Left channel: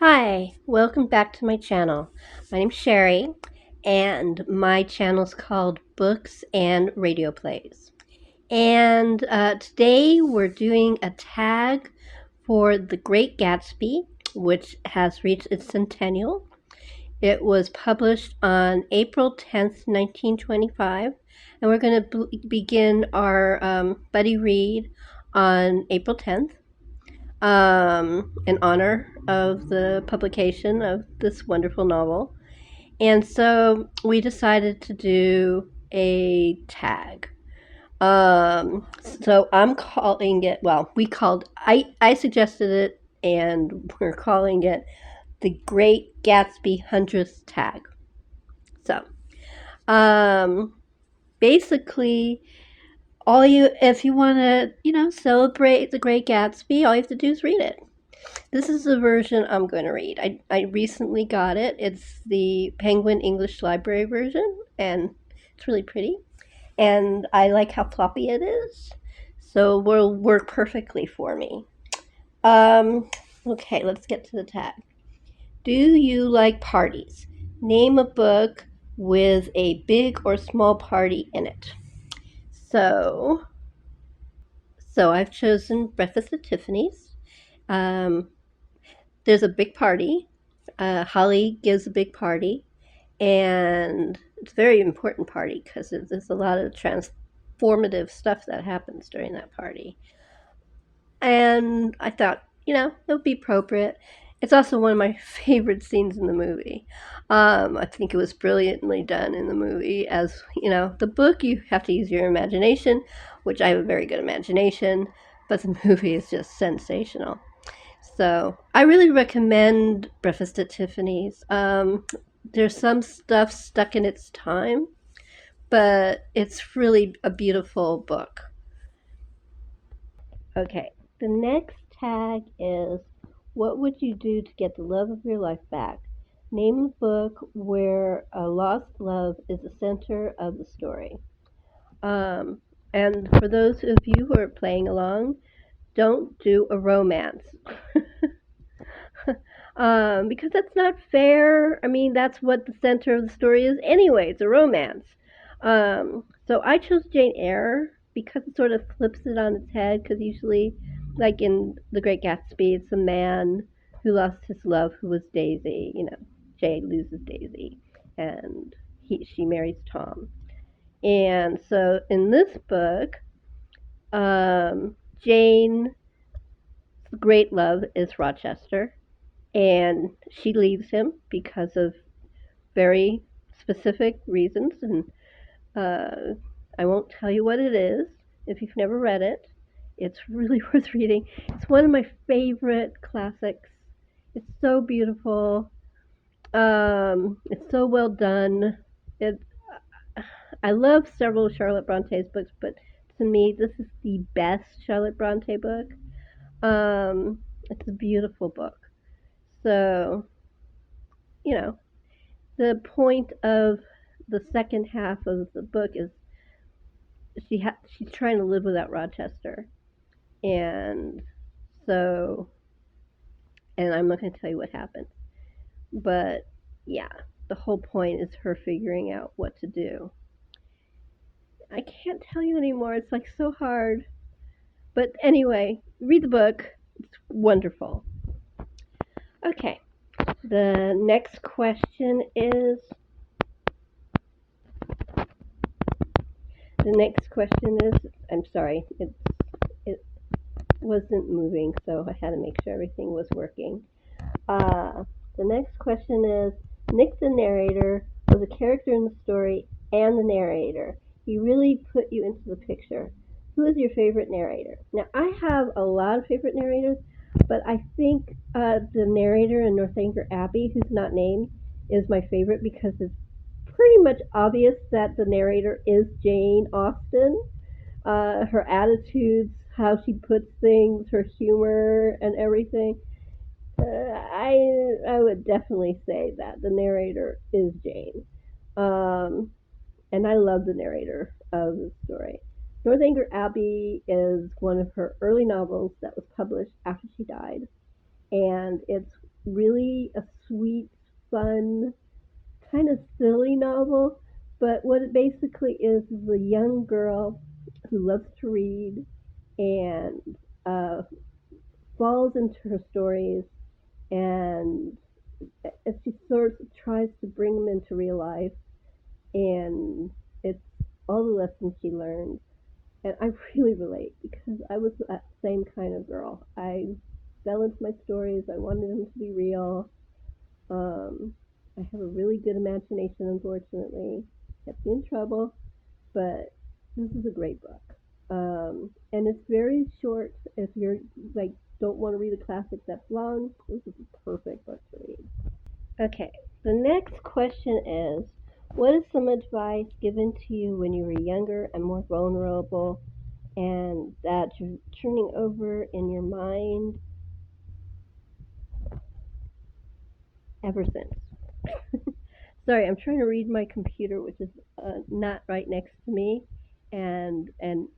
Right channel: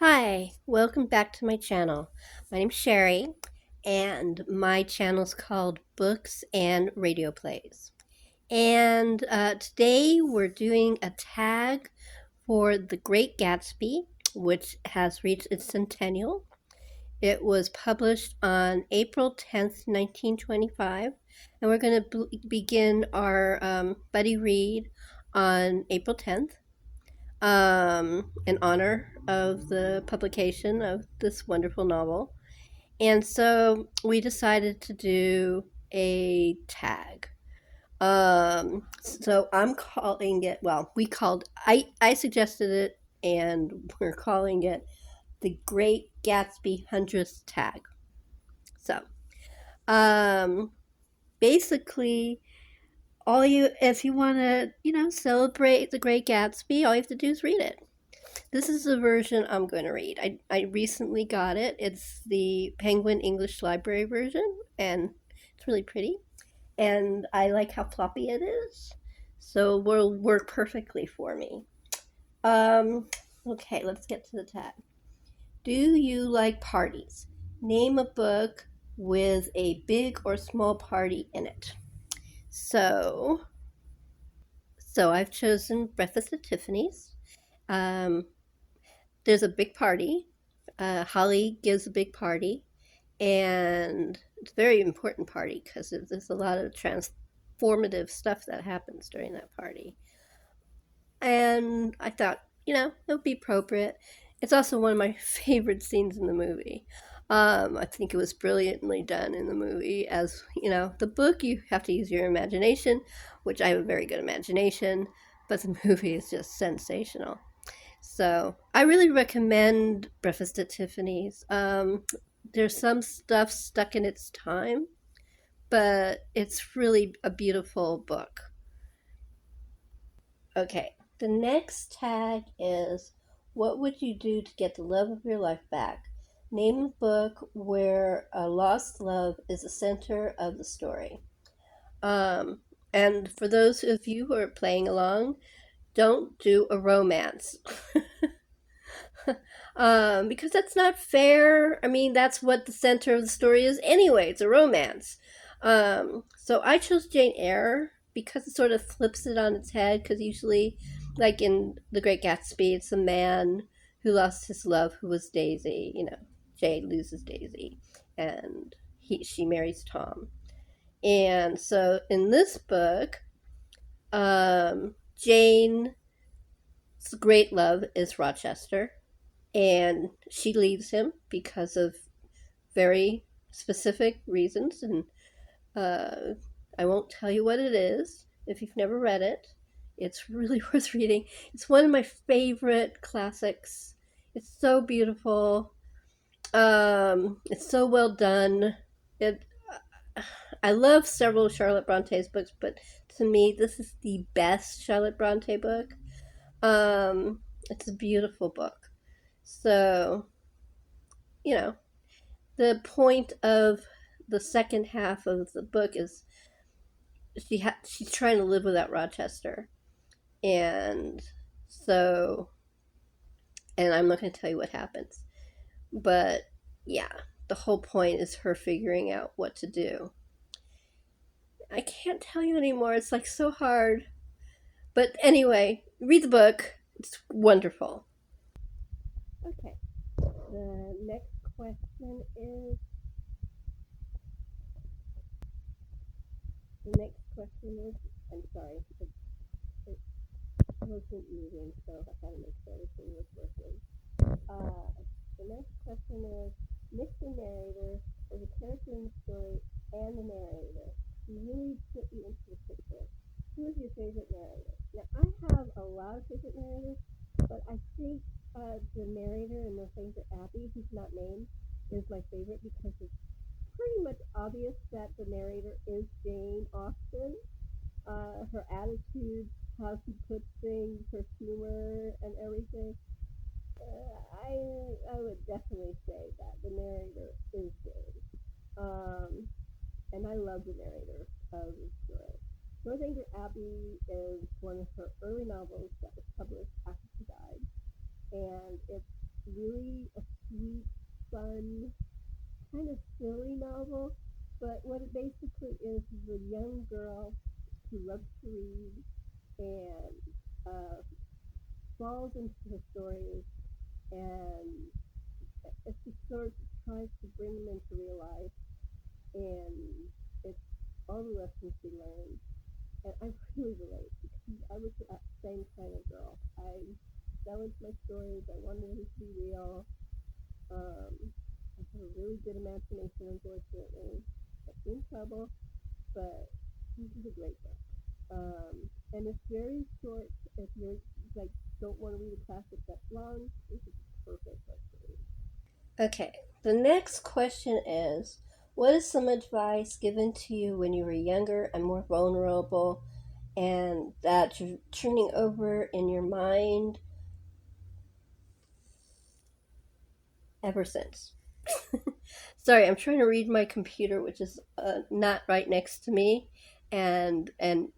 Hi, welcome back to my channel. My name's Sherry, and my channel's called Books and Radio Plays. And today we're doing a tag for The Great Gatsby, which has reached its centennial. It was published on April 10th, 1925, and we're going to begin our buddy read on April 10th in honor of the publication of this wonderful novel. And so we decided to do a tag. So I'm calling it, well, I suggested it and we're calling it the Great Gatsby 100th tag. So, um, basically, if you want to, celebrate the Great Gatsby, all you have to do is read it. This is the version I'm going to read. I recently got it. It's the Penguin English Library version, and it's really pretty. And I like how floppy it is, so will work perfectly for me. Um, okay, let's get to the tag. Do you like parties? Name a book with a big or small party in it. So, so I've chosen Breakfast at Tiffany's. Um, there's a big party. Holly gives a big party, and it's a very important party because there's a lot of transformative stuff that happens during that party. And I thought, it would be appropriate. It's also one of my favorite scenes in the movie. I think it was brilliantly done in the movie. As you know, the book you have to use your imagination, which I have a very good imagination, but the movie is just sensational. So I really recommend Breakfast at Tiffany's. There's some stuff stuck in its time, but it's really a beautiful book. Okay, the next tag is what would you do to get the love of your life back? Name a book where a lost love is the center of the story. Um, and for those of you who are playing along, don't do a romance. Because that's not fair. I mean, that's what the center of the story is anyway. It's a romance. So I chose Jane Eyre because it sort of flips it on its head. Because usually, like in The Great Gatsby, it's a man who lost his love, who was Daisy. Jay loses Daisy, and she marries Tom. And so in this book, Jane's great love is Rochester, and she leaves him because of very specific reasons, and uh, I won't tell you what it is if you've never read it. It's really worth reading. It's one of my favorite classics. It's so beautiful. It's so well done. It, I love several of Charlotte Bronte's books, but to me, this is the best Charlotte Bronte book. It's a beautiful book. So, you know, the point of the second half of the book is she's trying to live without Rochester, and so and I'm not going to tell you what happens, but yeah, the whole point is her figuring out what to do. I can't tell you anymore. It's like so hard, but anyway, read the book. It's wonderful. Okay, the next question is I'm sorry, it wasn't moving, so I had to make sure everything was working. Uh, the next question is Nick the narrator was a character in the story and the narrator. He really put you into the picture. Who is your favorite narrator? Now, I have a lot of favorite narrators, but I think the narrator in Northanger Abbey, who's not named, is my favorite because it's pretty much obvious that the narrator is Jane Austen. Her attitudes, how she puts things, her humor, and everything. I would definitely say that the narrator is Jane, um, and I love the narrator of the story. Northanger Abbey is one of her early novels that was published after she died, and it's really a sweet, fun, kind of silly novel. But what it basically is a young girl who loves to read and uh, falls into her stories, and as she sort of tries to bring them into real life, and it's all the lessons she learned. And I really relate because I was that same kind of girl. I fell into my stories. I wanted them to be real. Um, I have a really good imagination, unfortunately. Kept me in trouble, but this is a great book. And it's very short. If you're like don't want to read a classic that's long, this is a perfect book to read. Okay, the next question is, what is some advice given to you when you were younger and more vulnerable and that you're turning over in your mind ever since? Sorry, I'm trying to read my computer, which is not right next to me, and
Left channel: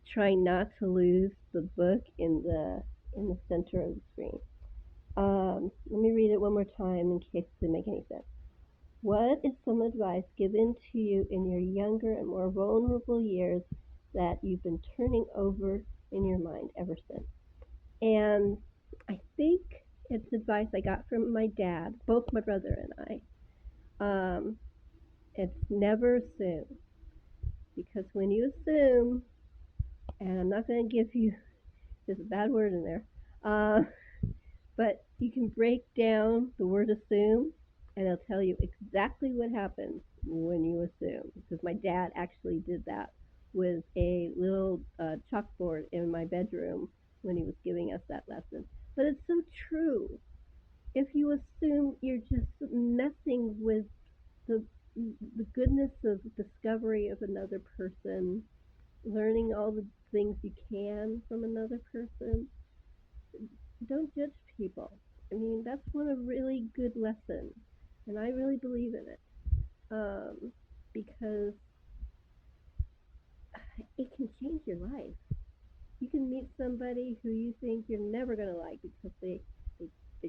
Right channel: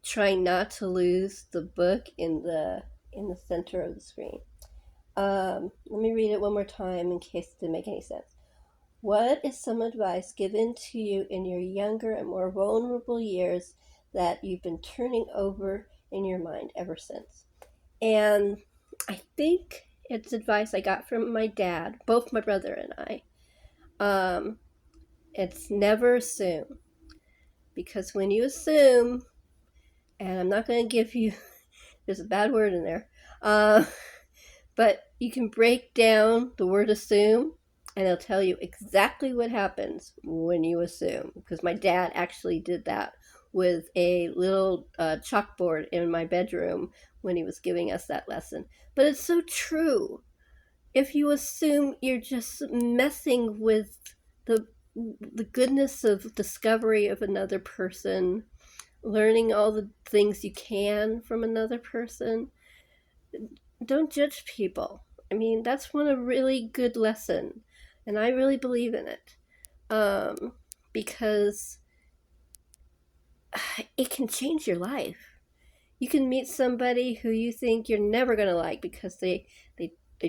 trying not to lose the book in the center of the screen. Let me read it one more time in case it didn't make any sense. What is some advice given to you in your younger and more vulnerable years that you've been turning over in your mind ever since? And I think it's advice I got from my dad, both my brother and I. It's never assume, because when you assume, and I'm not going to give you, there's a bad word in there, uh, but you can break down the word assume and it'll tell you exactly what happens when you assume. Because my dad actually did that with a little chalkboard in my bedroom when he was giving us that lesson. But it's so true. If you assume, you're just messing with the the goodness of discovery of another person, learning all the things you can from another person. Don't judge people. I mean, that's one a really good lesson, and I really believe in it, um, because it can change your life. You can meet somebody who you think you're never gonna like because they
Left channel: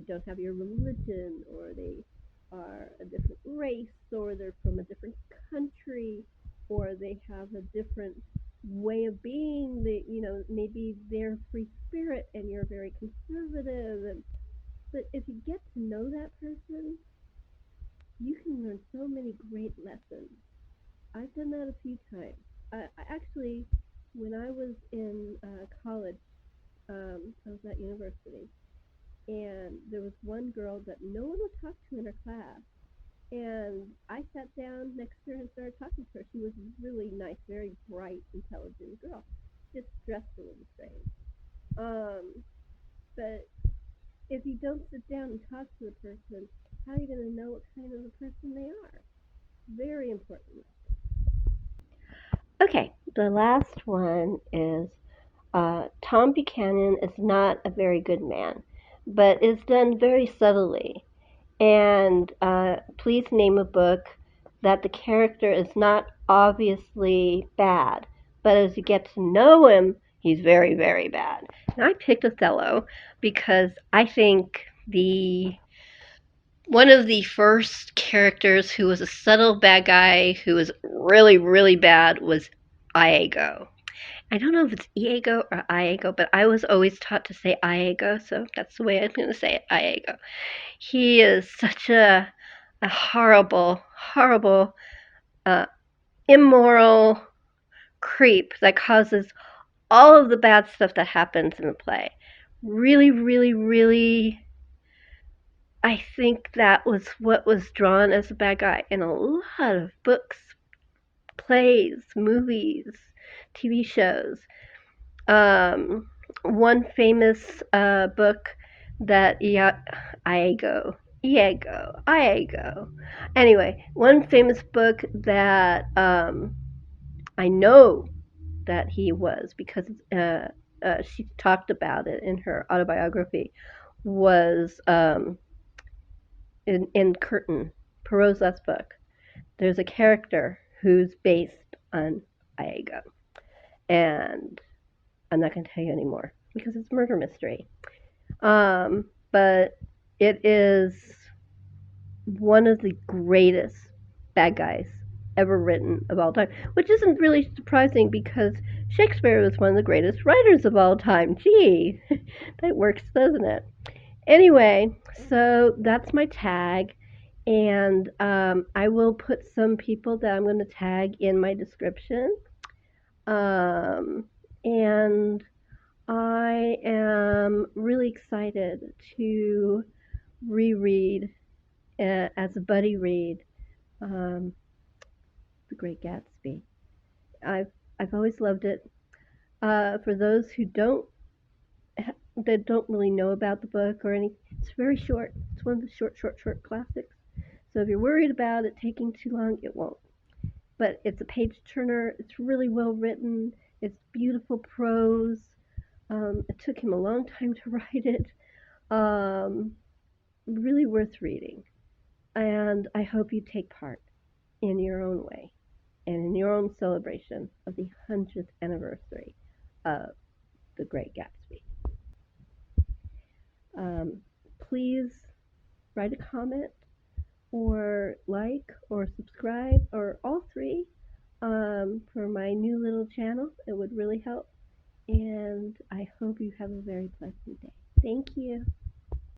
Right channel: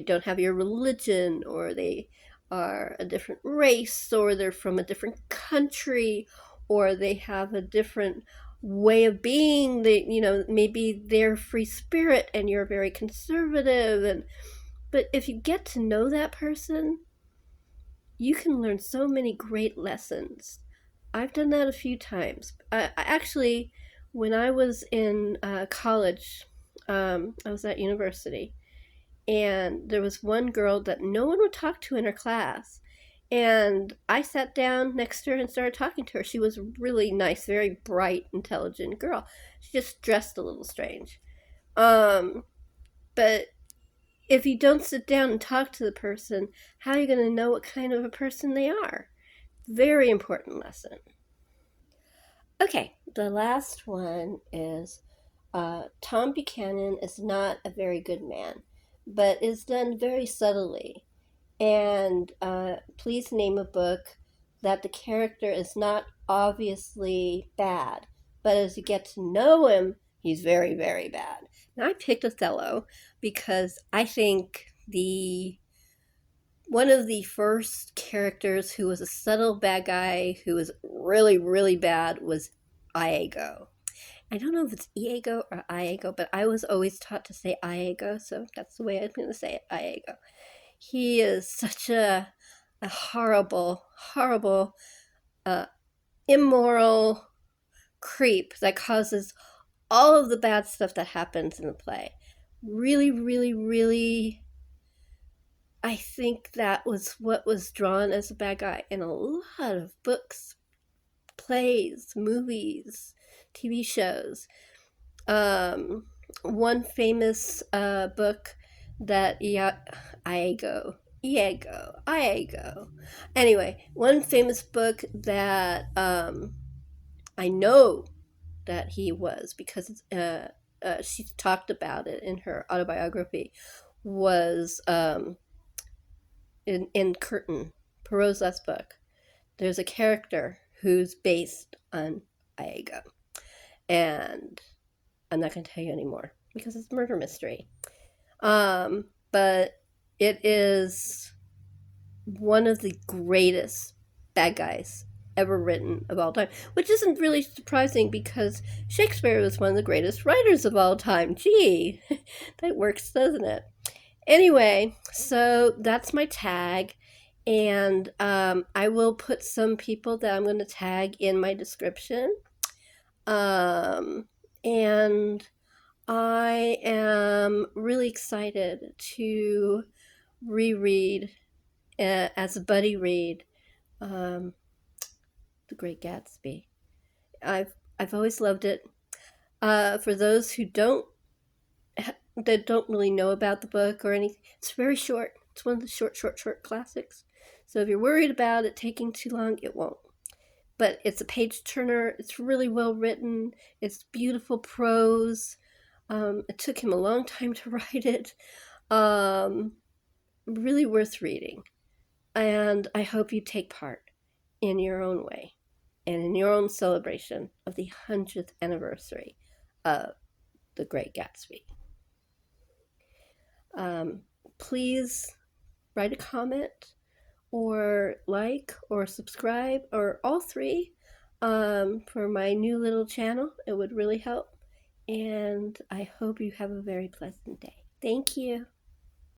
don't have your religion, or they are a different race, or they're from a different country, or they have a different way of being. They, maybe they're free spirit and you're very conservative. And but if you get to know that person, you can learn so many great lessons. I've done that a few times. I actually, when I was in college, I was at university, and there was one girl that no one would talk to in her class. And I sat down next to her and started talking to her. She was a really nice, very bright, intelligent girl. She just dressed a little strange. Um, but if you don't sit down and talk to the person, how are you going to know what kind of a person they are? Very important lesson. Okay, the last one is Tom Buchanan is not a very good man, but is done very subtly. And please name a book that the character is not obviously bad, but as you get to know him, he's very, very bad. And I picked Othello because I think the one of the first characters who was a subtle bad guy who was really, really bad was Iago. I don't know if it's Iago or Iago, but I was always taught to say Iago, so that's the way I'm going to say it, Iago. He is such a horrible, horrible, uh, immoral creep that causes all of the bad stuff that happens in the play. Really, really, really, I think that was what was drawn as a bad guy in a lot of books, plays, movies, TV shows. Um, One famous book that Iago. Anyway, one famous book that I know that he was because she talked about it in her autobiography was in Curtain, Perrault's last book. There's a character who's based on Iago, and I'm not going to tell you anymore because it's a murder mystery. But It is one of the greatest bad guys ever written of all time, which isn't really surprising because Shakespeare was one of the greatest writers of all time. Gee, that works, doesn't it? Anyway, so that's my tag. And I will put some people that I'm going to tag in my description. And I am really excited to reread as a buddy read um, The Great Gatsby. I've I've always loved it. For those who that don't really know about the book or anything, it's very short. It's one of the short classics. So if you're worried about it taking too long, it won't. But it's a page turner. It's really well written. It's beautiful prose. It took him a long time to write it. Um, really worth reading. And I hope you take part in your own way and in your own celebration of the 100th anniversary of The Great Gatsby. Um, Please write a comment or like or subscribe or all three for my new little channel. It would really help. And I hope you have a very pleasant day. Thank you.